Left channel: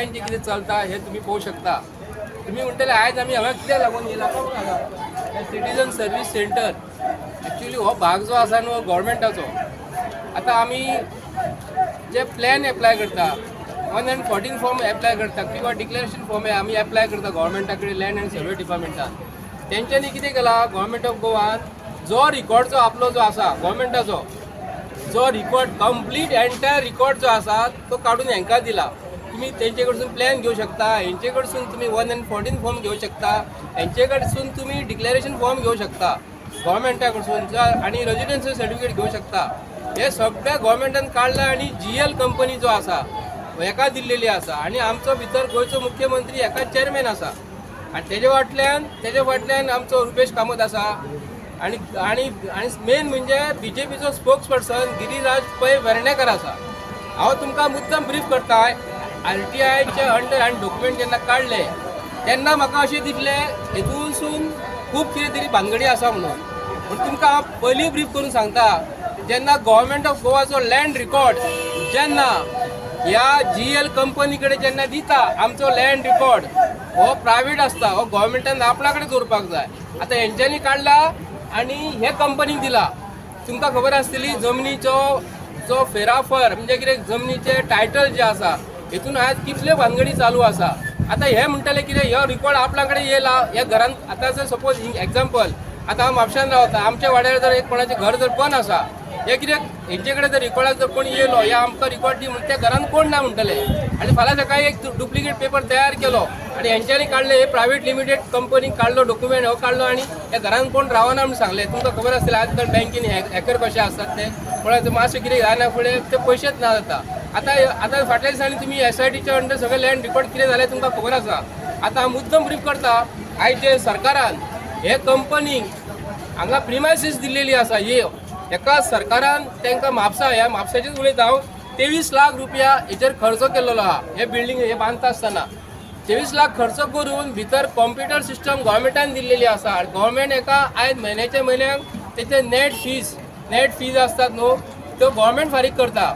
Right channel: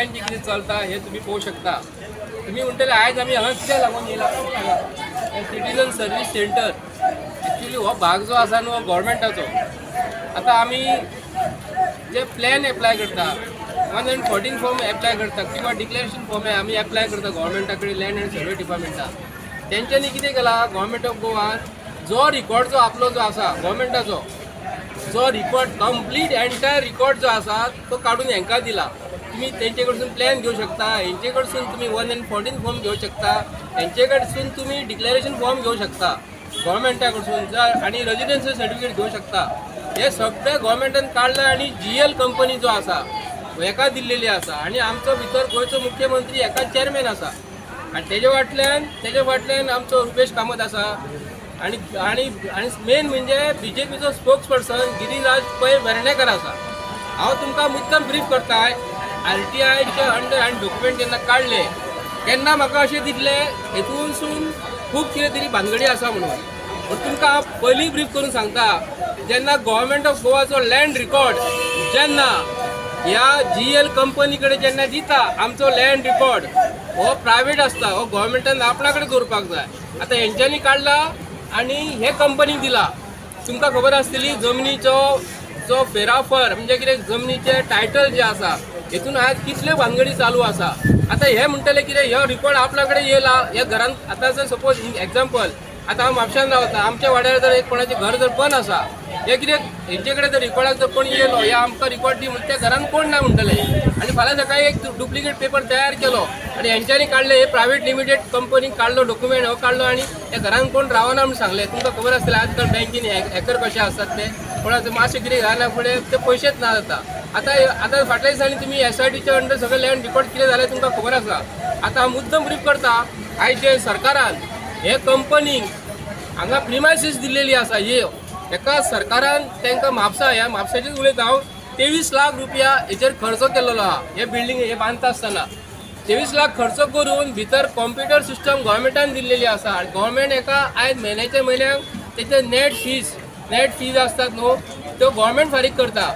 गोंयांचे कितें चलता हे तुम्ही पळोवंक शकता। तुम्ही म्हणटले आयज आमी हांगा कित्याक लागून येयला हांगा सिटीजन सर्वीस सेंटर एक्चुअली हो भाग जो आसा न्हू गव्हर्मेंटाचो। आता आमी जे प्लॅन एप्लाय करता 114 फॉर्म एप्लाय करता किंवा डिक्लेरेशन फॉर्म आमी एप्लाय करता गव्हर्मेंटा कडेन लँड एंड सर्वे डिपार्टमेंटान। तेंच्यांनी कितें केला गव्हर्मेंट ऑफ गोवान जो रिकॉर्ड जो आपलो जो आसा गव्हर्मेंटाचो जो रिकॉर्ड कंप्लीट एंटायर रिकॉर्ड जो आसा तो काढून हांकां दिला। तुम्ही तेंचे कडसून प्लॅन घेवं शकता, हेंचे कडसून तुम्ही 114 फॉर्म घेवं शकता, हेंचे कडसून तुम्ही डिक्लेरेशन फॉर्म घेवं शकता गव्हर्मेंटा कडसून आणि रेजिडेन्शियल सर्टिफिकेट घेवं शकता। हे सगळें गव्हर्मेंटान काढला आणि GL कंपनी जो आसा हेका दिल्लेली आसा आणि आमचो भितर गोंयचो मुख्यमंत्री हेका चेअरमॅन आसा आणि तेजे फाटल्यान आमचो रुपेश कामत आसा आणि आणि आणि मेन म्हणजे BJPचो स्पोक्स पर्सन गिरीराज पै वेर्णेकर आसा। हांव तुमकां मुद्दाम ब्रीफ करताय RTIचे अंडर हांवें डॉक्युमेंट जेन्ना काडले तेन्ना म्हाका अशें दिसलें हेतूनसून खूब कितें तरी भानगडी आसा म्हणून। पूण तुमकां हांव पयलीं ब्रीफ करून सांगता जेन्ना गव्हर्मेंट ऑफ गोवाचो लँड रिकॉर्ड जेन्ना ह्या GL कंपनी कडेन जेन्ना दिता आमचो लँड रिकॉर्ड हो प्रायवेट आसता, हो गव्हर्मेंटान आपणा कडेन दवरपाक जाय। आतां हेंच्यांनी काडला आणि हे कंपनीक दिला। तुमकां खबर आसतली जमनीचो जो फेराफर म्हणजे कितें जमनीचे टायटल जे आसा हेतून आज कितले भानगडी चालू आसा। आता हे म्हणटले कितें ह्यो रिकॉर्ड आपल्या कडेन येयला ह्या घरान। आतां जर सपोज एक्झाम्पल आतां हांव म्हापशान रावता, आमच्या वाड्यार जर एक कोणाचें घर जर बंद आसा हे कितें हेंचे कडेन जर रिकॉर्डाक जर कोण येयलो या आमकां रिकॉर्ड दी म्हणटा त्या घरान कोण ना म्हणटले आणि फाल्यां सकाळी एक डुप्लिकेट पेपर तयार केलो आणि हेंच्यांनी काडले हे प्रायवेट लिमिटेड कंपनीक काडलो डॉक्युमेंट हो काडलो आणि त्या घरान कोण रावना म्हणून सांगले। तुमकां खबर आसतलें आज काल बँकेन हॅकर कशे आसतात ते कोणाचो मातशें कितें घालना फुडें ते पयशेच ना जाता। आतां फाटल्या दिसांनी तुमी SITच्या अंडर सगळें लँड रिकॉर्ड कितें जालें तुमकां खबर आसा। आतां हांव मुद्दम ब्रीफ करता आयज जे सरकारान हे कंपनीक हांगा प्रिमायसीस दिल्लेली आसा एका सरकारान तांकां ह्या म्हापसाचेच उलयता हांव 23 लाख रुपया हेचेर खर्च केल्लो आहा। हे बिल्डींग हे बांदता आसतना 23 लाख खर्च करून भितर कॉम्प्युटर सिस्टम गव्हर्मेंटान दिल्लेली आसा आणि गव्हर्मेंट एका आयज म्हयन्याक तेचे नेट फीज आसतात न्हू त्यो गव्हर्मेंट फारीक करता,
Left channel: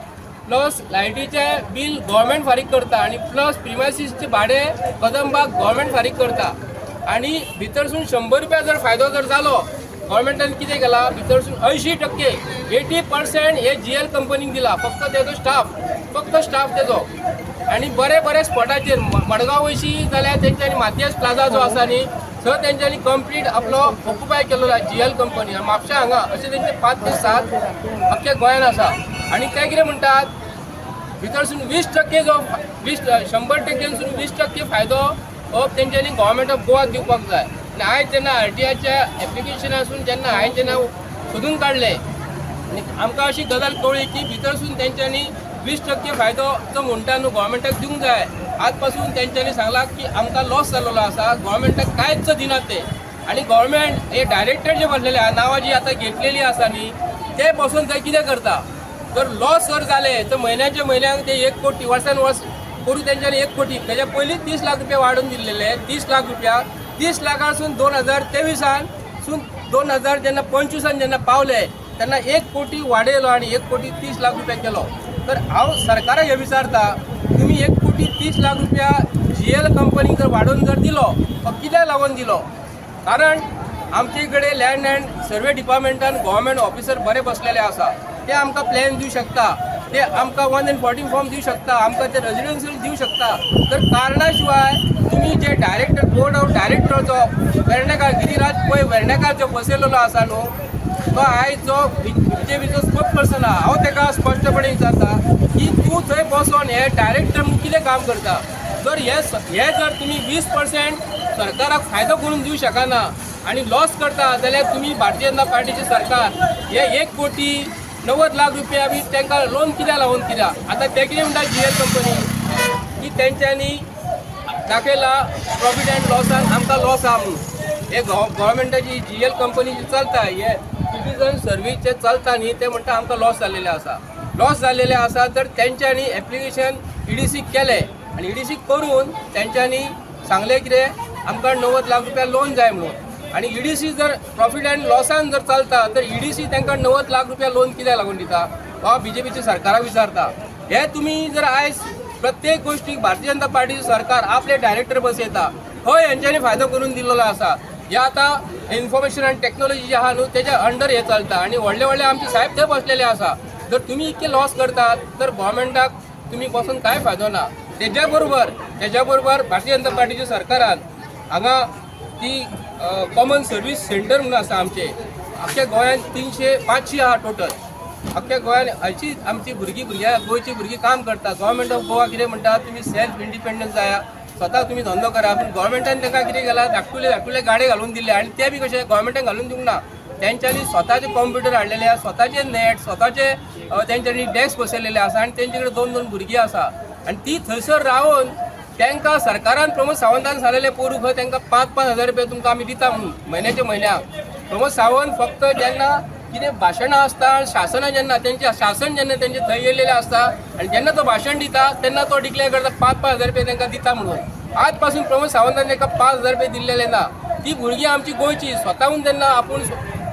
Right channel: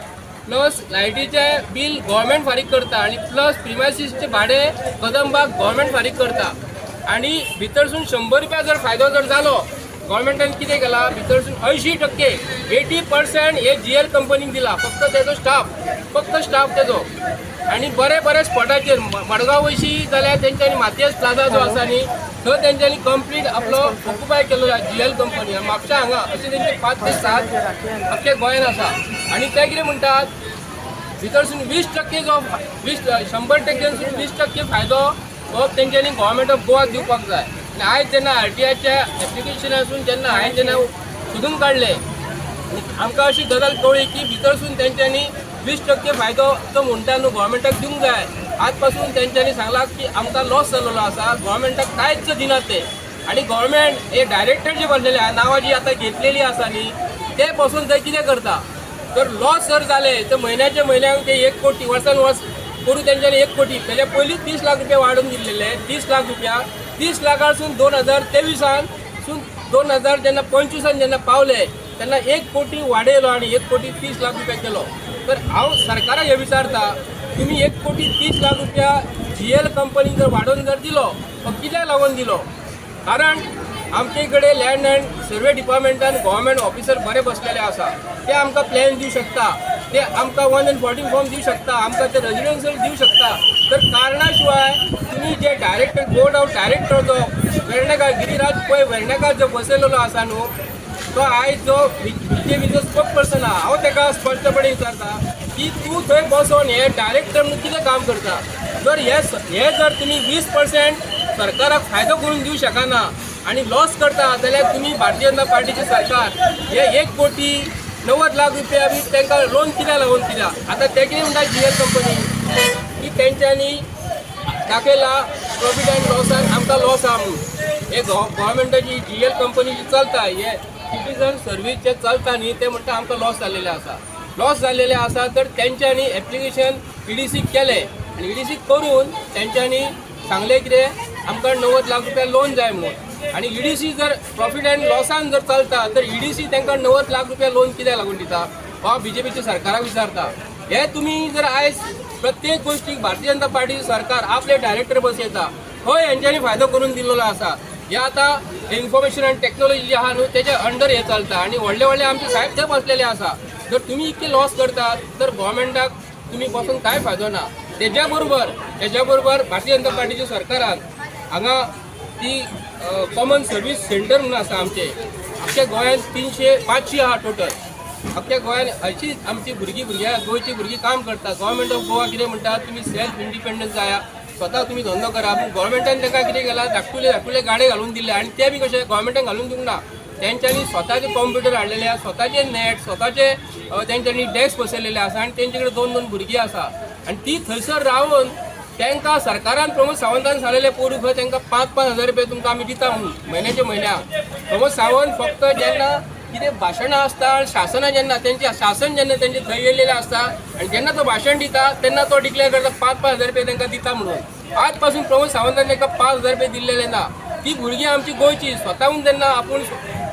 प्लस लायटीचे बील गव्हर्मेंट फारीक करता आणि प्लस प्रिमायसीसचे भाडें कदंबाक गव्हर्मेंट फारीक करता आणि भितरसून 100 रुपया जर फायदो जर जालो गव्हर्मेंटान कितें केला भितरसून 80% हे GL कंपनीक दिला। फक्त तेजो स्टाफ तेजो आणि बरे स्पॉटाचेर मडगांव वयशी जाल्यार तेंच्यांनी मातयेस प्लाझा जो आसा न्ही थंय तेंच्यांनी कंप्लीट आपलो ऑक्युपाय केलो GL कंपनी आणि म्हापशा हांगा अशें तेंचे 5 ते 7 अख्खे गोंयान आसा आणि ते कितें म्हणटात भितरसून 20% जो 100%सून 20% फायदो हो तेंच्यांनी गव्हर्मेंट ऑफ गोवाक दिवपाक जाय। आणि आयज जेन्ना RTIच्या एप्लिकेशनासून जेन्ना हांवें जेन्ना सोदून काडले आनी आमकां अशी गजाल कळ्ळी की भितरसून तेंच्यांनी 20% फायदो जो म्हणटा न्हू गव्हर्मेंटाक दिवंक जाय आज पासून तेंच्यांनी सांगला की आमकां लॉस जाल्लो आसा गव्हर्मेंटाक कांयच दिनात ते आणि गव्हर्मेंट हे डायरेक्टर जे भरलेले नांवां जी आतां घेतलेली आसा न्ही ते पासून ते कितें करता तर लॉस जर जाले तर म्हयन्याक ते 1 कोटी वर्सान वर्स करून तेंच्यांनी 1 कोटी तेच्या पयलींच 30 लाख रुपया वाडोवन दिल्लेले 30 लाख रुपया 30 लाखासून 2023सून 2025 जेन्ना पावले तेन्ना 1 कोटी वाडयलो आणि 1 कोटी 30 लाख रुपया केलो। तर हांव सरकाराक हे विचारता तुम्ही 1 कोटी 30 लाख रुपया GL कंपनीक जर वाडोवन जर दिलो तो कित्याक लागून दिलो? कारण आमचे कडेन लँड एंड सर्वे डिपार्टमेंटान गव्हर्मेंट ऑफिसर बरे बसलेले आसा ते आमकां प्लॅन दिवं शकता, ते आमकां 114 फॉर्म दिवं शकता, आमकां ते रेजिडेन्शियल दिवं शकता। तर कारणां शिवाय तुम्ही जे डायरेक्टर बोर्ड ऑफ डायरेक्टर जो वेर्णेकार गिरीराज पै वेर्णेकार जो बसयलेलो आसा न्हू तो आयज जो BJPचो स्पोक्स पर्सन आहा हांव तेका स्पश्टपणे विचारता की तूं थंय बसोन हे डायरेक्टर म्हणून कितें काम करता? जर हे जर तुम्ही 20% सरकाराक फायदो करून दिवं शकना आणि लॉस करता जाल्यार तुम्ही भारतीय जनता पार्टीचे सरकार हे 1 कोटी 90 लाख रुपया बी तांकां लोन कित्याक लागून कित्याक? आता ते कितें म्हणटा GL कंपनी की तेंच्यांनी दाखयला प्रॉफिट एंड लॉसान आमकां लॉस आहा म्हणून। हे गव्हर्मेंटाची GL कंपनी जी चलता हे सिटीजन सर्वीस जे चलता न्ही ते म्हणटा आमकां लॉस जाल्लेले आसा तर तेंच्यांनी एप्लिकेशन EDC केले आणि EDC करून तेंच्यांनी सांगले कितें आमकां 90 लाख रुपया लोन जाय म्हणून आणि EDC जर प्रॉफिट एंड लॉसान जर चलता तर EDC तांकां 90 लाख रुपया लोन कित्याक लागून दिता? हो BJPच्या सरकाराक विचारता। हे तुम्ही जर आयज प्रत्येक गोष्टीक भारतीय जनता पार्टीचे सरकार आपले डायरेक्टर बसयता हो यांच्यानी फायदो करून दिलेलो आसा. हे आता इन्फॉर्मेशन आणि टेक्नॉलॉजी जे आहा न्हू त्याच्या अंडर हे चलता आणि व्हडले व्हडले आमचे साहेब ते बसलेले आसा. जर तुम्ही इतके लॉस करतात तर गव्हर्मेंटाक तुम्ही बसून काय फायदो ना. त्याच्या बरोबर भारतीय जनता पार्टीच्या सरकारान हांगा ती कॉमन सर्वीस सेंटर म्हणून आसा आमचे अख्ख्या गोंयांत 300-500 आहा टोटल. अख्ख्या गोंयांत हयची आमची गोंयची भुरगीं काम करतात. गव्हर्मेंट ऑफ गोवा कितें म्हणटा तुमी सेल्फ इंडिपेंडन्स जाया स्वता तुम्ही धंदो करा. पूण गव्हर्मेंटान तांकां कितें केला धाकटुले गाडे घालून दिले आणि ते बी कशें गव्हर्मेंटान घालून दिवंक ना. तेंच्यांनी स्वताचे कॉम्प्युटर हाडलेले आसा स्वताचे नेट स्वताचे तेंच्यांनी डेस्क बसयलेले आसा आणि तेंचे कडेन 2-2 भुरगीं आसा आणि ती थंयसर रावन तांकां सरकारान प्रमोद सावंतान सांगलेले पोरू खंय तांकां 5-5 हजार रुपया तुमकां आमी दिता म्हणून म्हयन्याक. प्रमोद सावंत फक्त जेन्ना कितें भाशणां आसता शासनां जेन्ना शासन जेन्ना तेंचे थंय येयलेले आसता आणि जेन्ना तो भाशण दिता तेन्ना तो डिक्लेअर करता 5-5 हजार रुपया तांकां दिता म्हणून. आज पासून प्रमोद सावंतान तांकां 5 हजार रुपया दिल्लेले ना. ती भुरगीं आमची गोंयची स्वताहून जेन्ना आपूण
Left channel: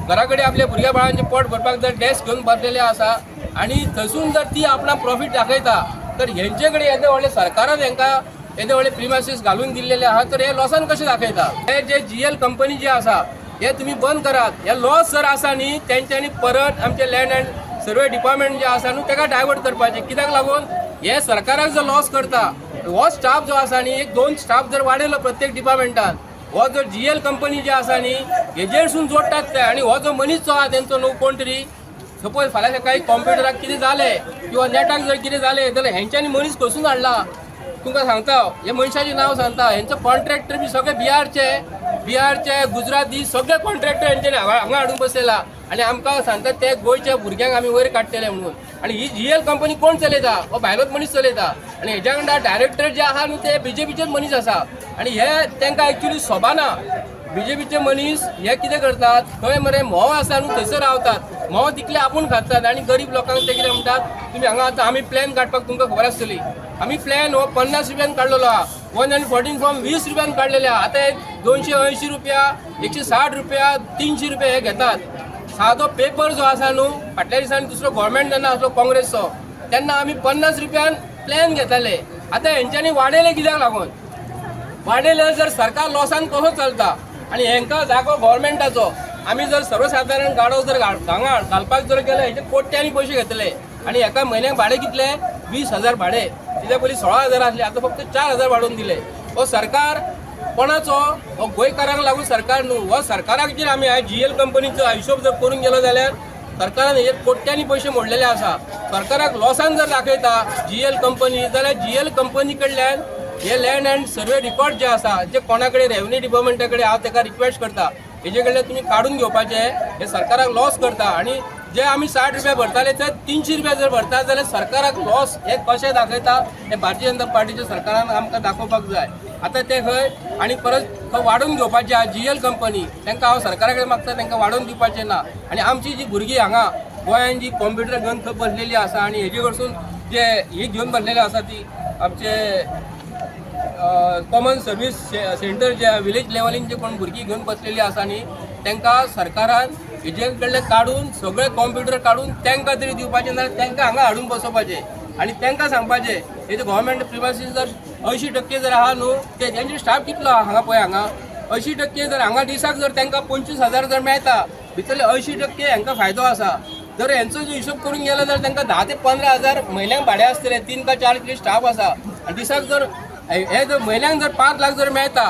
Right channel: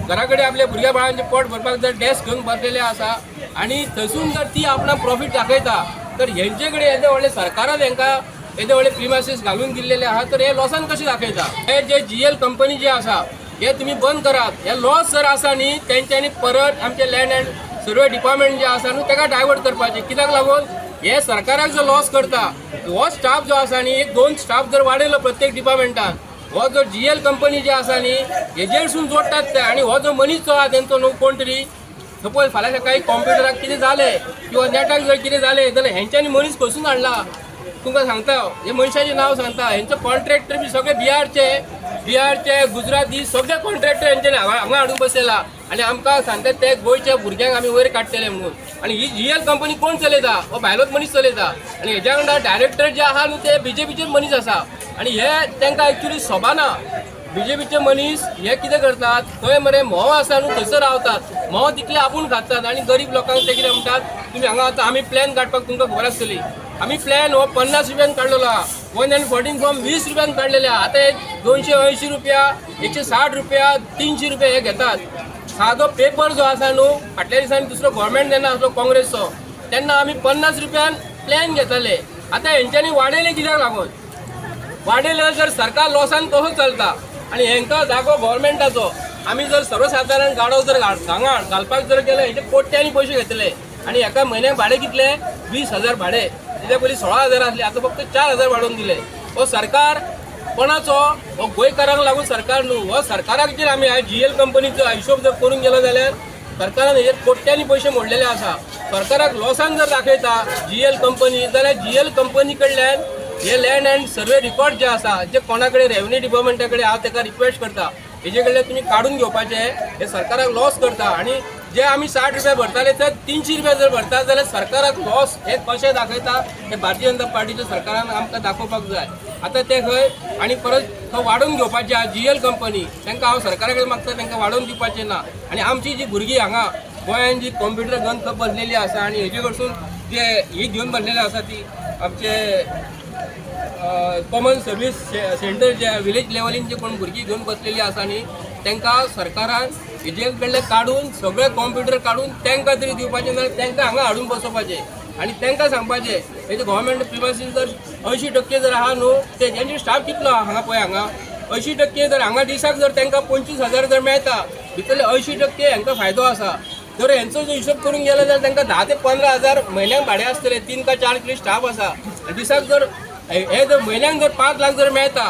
घरा कडेन आपल्या भुरग्या बाळांचे पोट भरपाक जर डेस्क घेवन बसलेले आसा आणि थंयसून जर ती आपणा प्रॉफिट दाखयता तर हेंचे कडेन येदे व्हडले सरकारान हांकां येदे व्हडले प्रिमायसीस घालून दिल्लेले आहा तर हे लॉसान कशें दाखयता. हे जे GL कंपनी जे आसा हे तुम्ही बंद करात. हे लॉस जर आसा न्ही तेंच्यांनी परत आमचे लँड अँड सर्वे डिपार्टमेंट जे आसा न्हू ताका डायवर्ट करपाचें. कित्याक लागून हे सरकाराक जर लॉस करता हो स्टाफ जो आसा न्ही 1-2 स्टाफ जर वाडयलो प्रत्येक डिपार्टमेंटान हो जो GL कंपनी जे आसा न्ही हेजेरसून जोडटात ते आणि हो जो मनीस जो आहा तेंचो न्हू कोण तरी सपोज फाल्यां सकाळी कॉम्प्युटराक कितें जालें किंवा नेटाक जर कितें जालें जाल्यार हेंच्यांनी मनीस खंयसून हाडला तुमकां सांगता. हे मनशाचें नांव सांगता. हेंचो कॉन्ट्रॅक्टर बी सगळे बिहारचे गुजराती सगळे कॉन्ट्रॅक्टर हेंच्यांनी हांगा हाडून बसयला आणि आमकां सांगतात ते गोंयच्या भुरग्यांक आमी वयर काडटले म्हणून. आणि ही GL कंपनी कोण चलयता हो भायलोच मनीस चलयता आणि हेज्या वांगडा डायरेक्टर जे आहा न्हू ते BJPचेच मनीस आसा आणि हे तांकां एक्चुली सोबाना. BJPचे मनीस हे कितें करतात खंय मरे म्होव आसा न्हू थंयसर रावतात. म्होव तिकले आपूण खातात आणि गरीब लोकांक ते कितें म्हणटात तुमी हांगा आतां आमी प्लॅन काडपाक तुमकां खबर आसतली. आमी प्लॅन हो 50 रुपयान काडलेलो आहा. 114 फॉर्म 20 रुपयान काडलेले आहा. आतां 280 रुपया 160 रुपया 300 रुपया हे घेतात. सादो पेपर जो आसा न्हू फाटल्या दिसांनी दुसरो गव्हर्मेंट जेन्ना आसलो काँग्रेसचो तेन्ना आमी 50 रुपयान प्लॅन घेताले. आतां हेंच्यांनी वाडयले कित्याक लागून वाडयले जर सरकार लॉसान कसो चलता आणि हेंकां जागो गव्हर्मेंटाचो. आमी जर सर्वसाधारण गाडो जर हांगा घालपाक जर गेलो हेचे कोट्यांनी पयशे घेतले आणि एका म्हयन्याक भाडें कितले 20,000 भाडें. तेच्या पयलीं 16,000 आसले आतां फक्त 4,000 वाडोवन दिले. हो सरकार कोणाचो हो गोंयकारांक लागून सरकार न्हू. हो सरकाराक जर आमी GL कंपनीचो हिशोब जर करून गेलो जाल्यार सरकारान हेजेर कोट्यांनी पयशे मोडलेले आसा. सरकाराक लॉसान जर दाखयता GL कंपनी जाल्यार GL कंपनी कडल्यान हे लँड अँड सर्वे रिकॉर्ड जे आसा जे कोणा कडेन रेव्हन्यू डिपार्टमेंटा कडेन हांव ताका रिक्वेस्ट करता हेजे कडल्यान तुमी काडून घेवपाचे. हे सरकाराक लॉस करता आणि जे आमी 60 रुपया भरताले ते 300 रुपया जर भरता जाल्यार सरकाराक लॉस हे कशें दाखयता हे भारतीय जनता पार्टीच्या सरकारान आमकां दाखोवपाक जाय. आतां ते खंय आणि परत थंय वाडोवन घेवपाचें आहा GL कंपनी तांकां हांव सरकारा कडेन मागता तांकां वाडोवन दिवपाचें ना. आणि आमची जी भुरगीं हांगा गोंयांत जी कॉम्प्युटर घेवन खंय बसलेली आसा आणि हेजे कडसून जे ही घेवन बसलेली आसा ती आमचे कॉमन सर्वीस सेंटर जे विलेज लेवलीन जे कोण भुरगीं घेवन बसलेली आसा न्ही तांकां सरकारान हेजे कडले काडून सगळे कॉम्प्युटर काडून तांकां तरी दिवपाचें जाल्यार तांकां हांगा हाडून बसोवपाचें आणि तांकां सांगपाचें हेजे गव्हर्मेंट प्रिमायसीस जर 80% जर आहा न्हू ते तेंचे स्टाफ कितलो आहा हांगा पळय हांगा 80% जर हांगा दिसाक जर तांकां 25,000 जर मेळटा भितरले 80% हांकां फायदो आसा. जर हेंचो जो हिशोब करून गेलो जाल्यार तांकां 10 ते 15,000 म्हयन्याक भाडें आसतलें. 3 का 4 कितें स्टाफ आसा आनी दिसाक जर हे जर म्हयन्याक जर 5 लाख जर मेळटा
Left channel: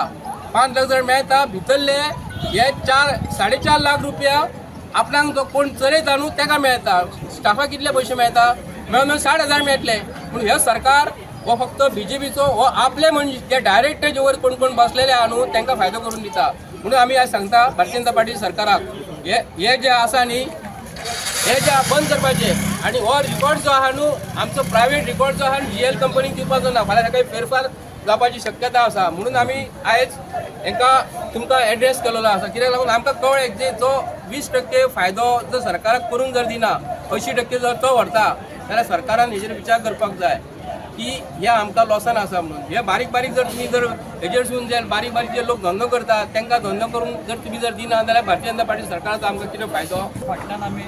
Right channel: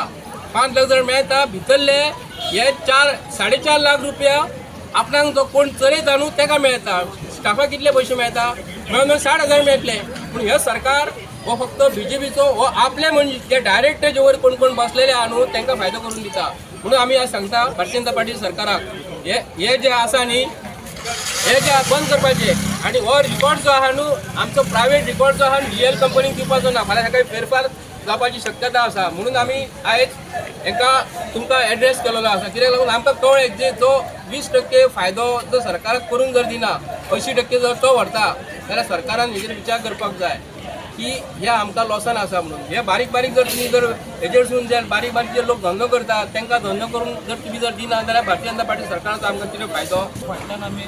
5 लाख जर मेळटा भितरले हे 4-4.5 लाख रुपया आपणाक जो कोण चलयता न्हू ताका मेळटा. स्टाफाक कितले पयशे मेळटा मेळून 60,000 मेळटले. पूण हे सरकार हो फक्त BJPचो हो आपले म्हणजे जे डायरेक्टर जे वयर कोण कोण बसलेले आहा न्हू तांकां फायदो करून दिता. म्हणून आमी आज सांगता भारतीय जनता पार्टी सरकाराक हे जे आसा न्ही हे जे बंद करपाचे आणि हो रिकॉर्ड जो आहा न्हू आमचो प्रायवेट रिकॉर्ड जो आहा GL कंपनीक दिवपाचो ना. फाल्यां सकाळी फेरफार जावपाची शक्यता आसा. म्हणून आमी आयज हांकां तुमकां एड्रेस केलेलो आसा. कित्याक लागून आमकां कळ्ळें जे जो 20% फायदो जर सरकाराक करूंक जर दिना 80% जर तो व्हरता जाल्यार सरकारान हेजेर विचार करपाक जाय की हे आमकां लॉसान आसा म्हणून. हे बारीक बारीक जर तुमी जर हेजेरसून जे बारीक बारीक जे लोक धंदो करतात तांकां धंदो करून जर तुमी जर दिना जाल्यार भारतीय जनता पार्टी सरकाराचो आमकां कितें फायदो. फाटल्यान आमी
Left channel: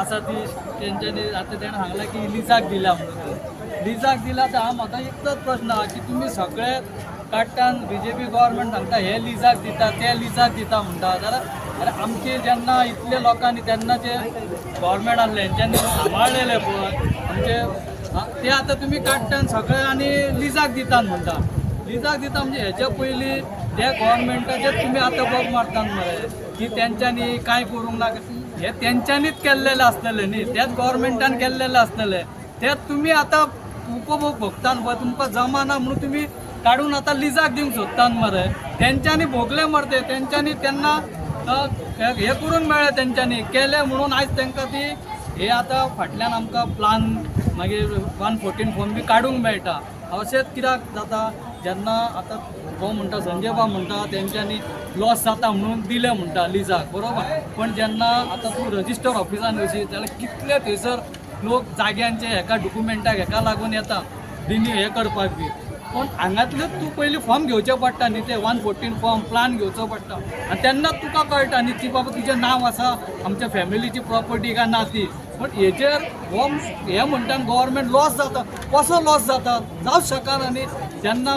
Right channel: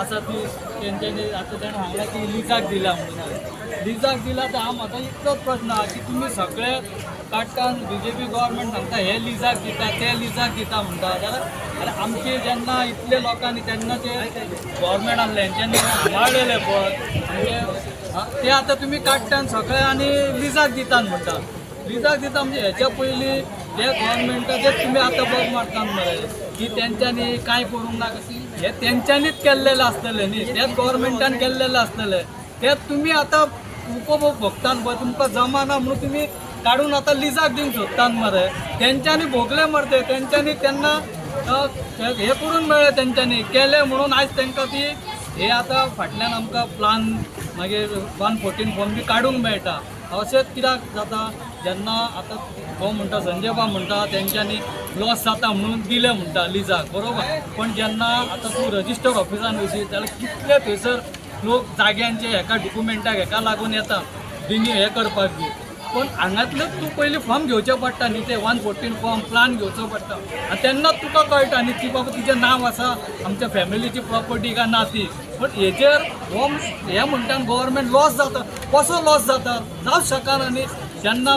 आसा ती तेंच्यांनी आतां तेणें सांगलां की लिजाक दिल्या म्हणून लिजाक दिला तर हा म्हाका इतलोच प्रश्न आहा की तुमी सगळे काडटान BJP गव्हर्मेंट सांगता हे लिजाक दिता ते लिजाक दिता म्हणटा जाल्यार अरे आमचे जेन्ना इतले लोकांनी तेन्ना ते गव्हर्मेंट आहले हेंच्यांनी सांबाळलेले पळय आमचे ते आतां तुमी काडटान सगळे आनी लिजाक दितात म्हणटा लिजाक दिता म्हणजे हेच्या पयलीं जे गव्हर्मेंटाचेच तुमी आतां बग मारतात मरे की तेंच्यांनी कांय करूंक ना हे तेंच्यांनीच केल्लेले आसतले न्ही तेच गव्हर्मेंटान केल्लेले आसतले ते तुमी आतां उपभोग भोगतात पळय तुमकां जमाना म्हणून तुमी काडून आतां लिजाक दिवंक सोदतात मरे तेंच्यांनी भोगले मरे तेंच्यांनी तेन्ना हे करून मेळ्ळे तेंच्यांनी केले म्हणून आयज तांकां ती हे आतां फाटल्यान आमकां प्लान मागीर 114 फॉर्म बी काडूंक मेळटा अशेंच कित्याक जाता जेन्ना आतां हो म्हणटा संजय बाब म्हणटा तेंच्यांनी लॉस जाता म्हणून दिले म्हणटा लिजाक बरोबर पण जेन्ना आतां तूं रजिस्टर ऑफिसान वयशी जाल्यार कितले थंयसर लोक जाग्यांचे हेका डॉक्युमेंटाक हेका लागून येता रिन्यू हे करपाक बी पण हांगातलेच तूं पयलीं फॉर्म घेवचें पडटा न्ही ते 114 फॉर्म प्लान घेवचो पडटा आनी तेन्नाच तुका कळटा न्ही की बाबा तुजें नांव आसा आमच्या फॅमिलीची प्रॉपर्टी काय ना ती पण हेचेर हो हे म्हणटा गव्हर्मेंट लॉस जाता कसो लॉस जाता जावंच शकना न्ही जेन्ना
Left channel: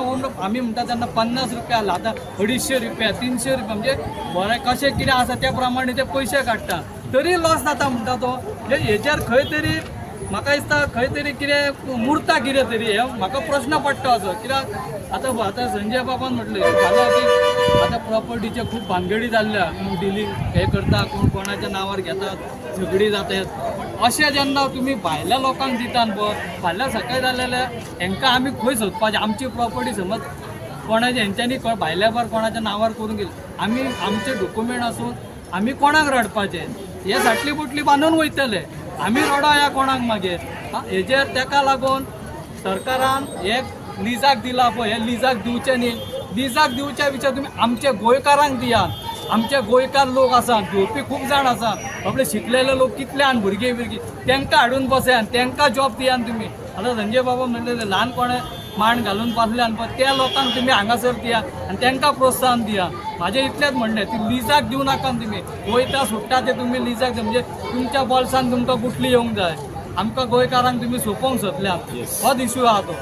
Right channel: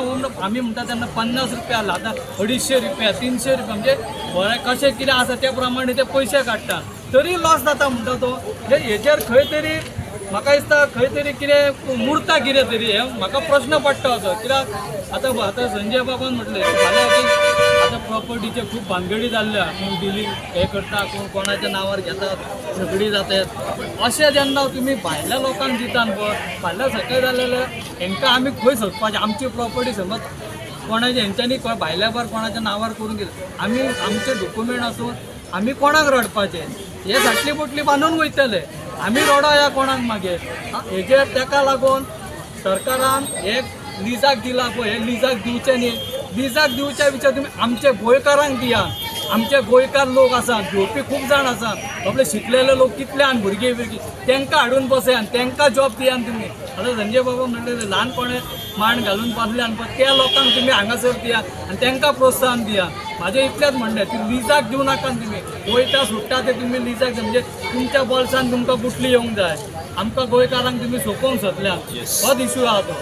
आमी म्हणटा तेन्ना 50 रुपया आतां 250 रुपया 300 रुपया म्हणजे बरें कशें कितें आसा त्या प्रमाणे ते पयशे काडटा तरी लॉस जाता म्हणटा तो हेचेर खंय तरी म्हाका दिसता खंय तरी कितें मुर्ता कितें तरी हे म्हाका प्रश्न पडटा असो कित्याक आतां संजय बाबान म्हटलें फाल्यां की आतां प्रॉपर्टीचे खूब भानगडी जाल्ल्या कोण डिलींग हे करता कोण कोणाच्या नांवार घेतात झगडी जातात अशें जेन्ना तुमी भायल्या लोकांक दितात पळय फाल्यां सकयल जालेले हेंकां आमी खंय सोदपाचें आमची प्रॉपर्टी समज कोणाच्या हेंच्यांनी भायल्या भायर कोणाच्या नांवार करून गेले आमी आमचे डॉक्युमेंट आसून आमी कोणाक रडपाचें हे साटली बुटली बांदून वयतले आमी रडोया कोणाक मागीर हेजेर तेका लागून सरकारान हे लिजाक दिला पळय हे लिजाक दिवचें न्ही लिजाक दिवच्या विचार तुमी आमच्या गोंयकारांक दियात आमचे गोंयकार लोक आसात घेवपी खूब जाण आसात आपले शिकलेले लोक कितले आनी भुरगे तांकां हाडून बसयात तांकां जॉब दियात तुमी आतां संजय बाबा म्हणलेले ल्हान कोणें मांड घालून पासल्यान पळय त्या लोकांक तुमी हांगासर दिया आनी तांकां प्रोत्साहन दिया म्हाजें इतलेंच म्हणणें ती लिजाक दिवं नाका तुमी वयता सुट्टा ते तुमी लिजाक दिया म्हणजे तुमच्या बॉल्सान तुमकां गुटली येवंक जाय आमकां गोंयकारांक तुमी सोंपोवंक सोदल्यात होच इशू आहा तो